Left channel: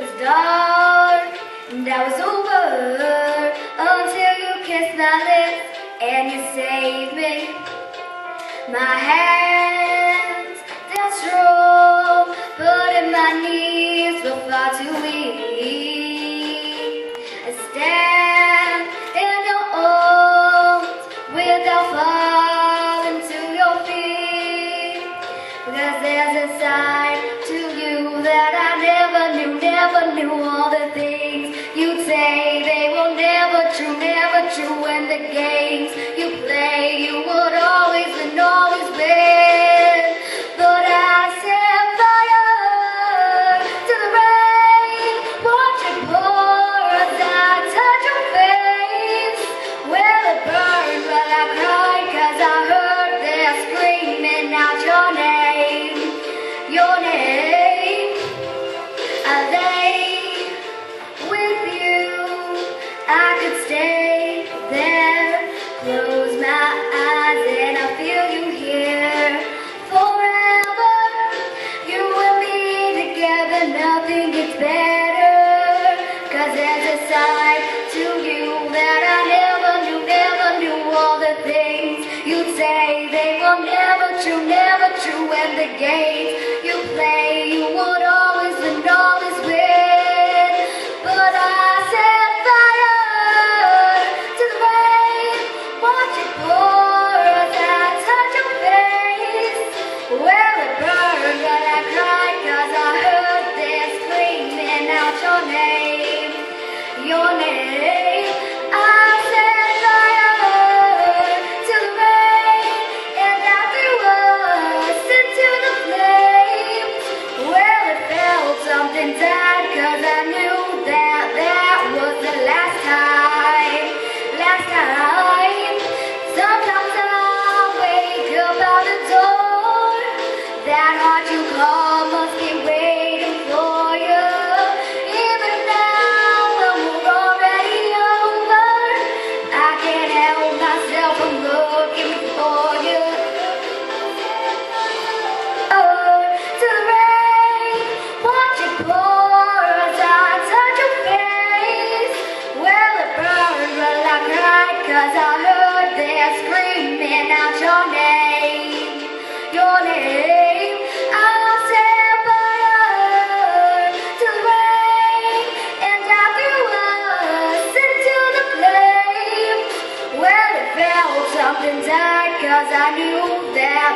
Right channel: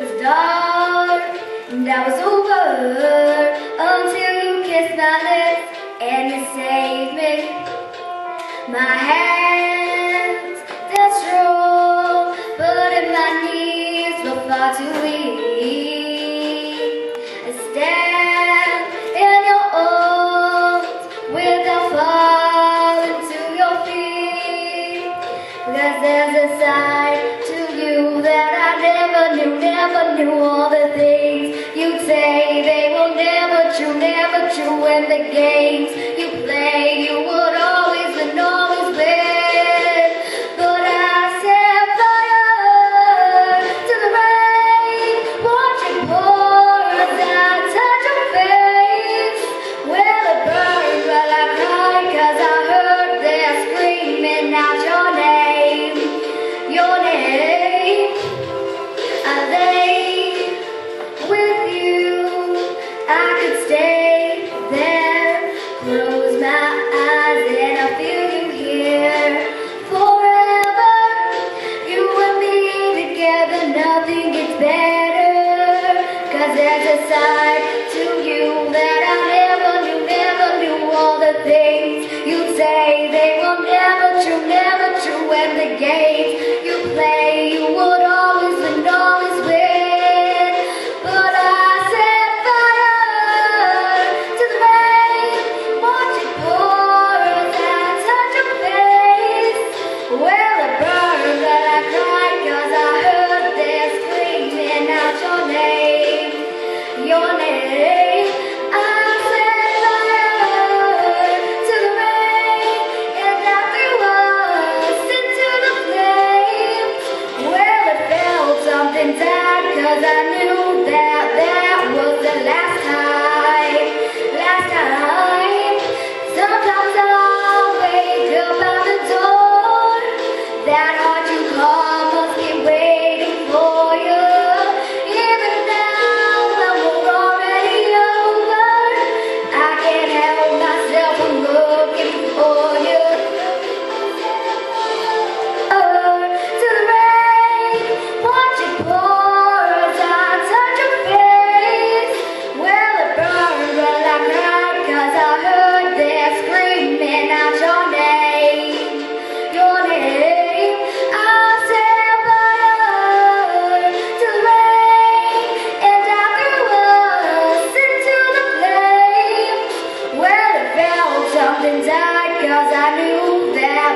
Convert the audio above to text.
was dark and I was over until you kissed my lips and you saved me. My hands, they're strong, but in my knees were far too weak. I stand in your arms without falling to your feet, because there's a side to you that I never knew. All the things you say, they will never true. And the games you play, you would always and always win. But I set fire to the rain, watch it pour as I touch your face. Well, it burned while I cried, 'cause I heard them screaming out your name. Your name. I lay with you, I could stay there, close my eyes and I feel you here forever. You and me together, nothing gets better, 'cause there's a side to you that I never knew. All the things you say, they will never true. And the games you play, you would always and always win. But I set fire to the rain, watch it pour as I touch your face. Well, it burned but I cried, 'cause I heard them screaming out your name. Your name. I set fire to the rain and I threw us into the flames. Well, it felt something tight, 'cause I knew that was the last time. Sometimes I'll wake up out the door, that heart you call must be waiting for you. Even now when we're already over, I can't help myself from looking for you. To the rain, watch it pour as I touch your face. Well, it burned but I cried, 'cause I heard them screaming out your name. Your name. I set fire to the rain and I threw us into the flames. Well, it felt something tight, 'cause I knew that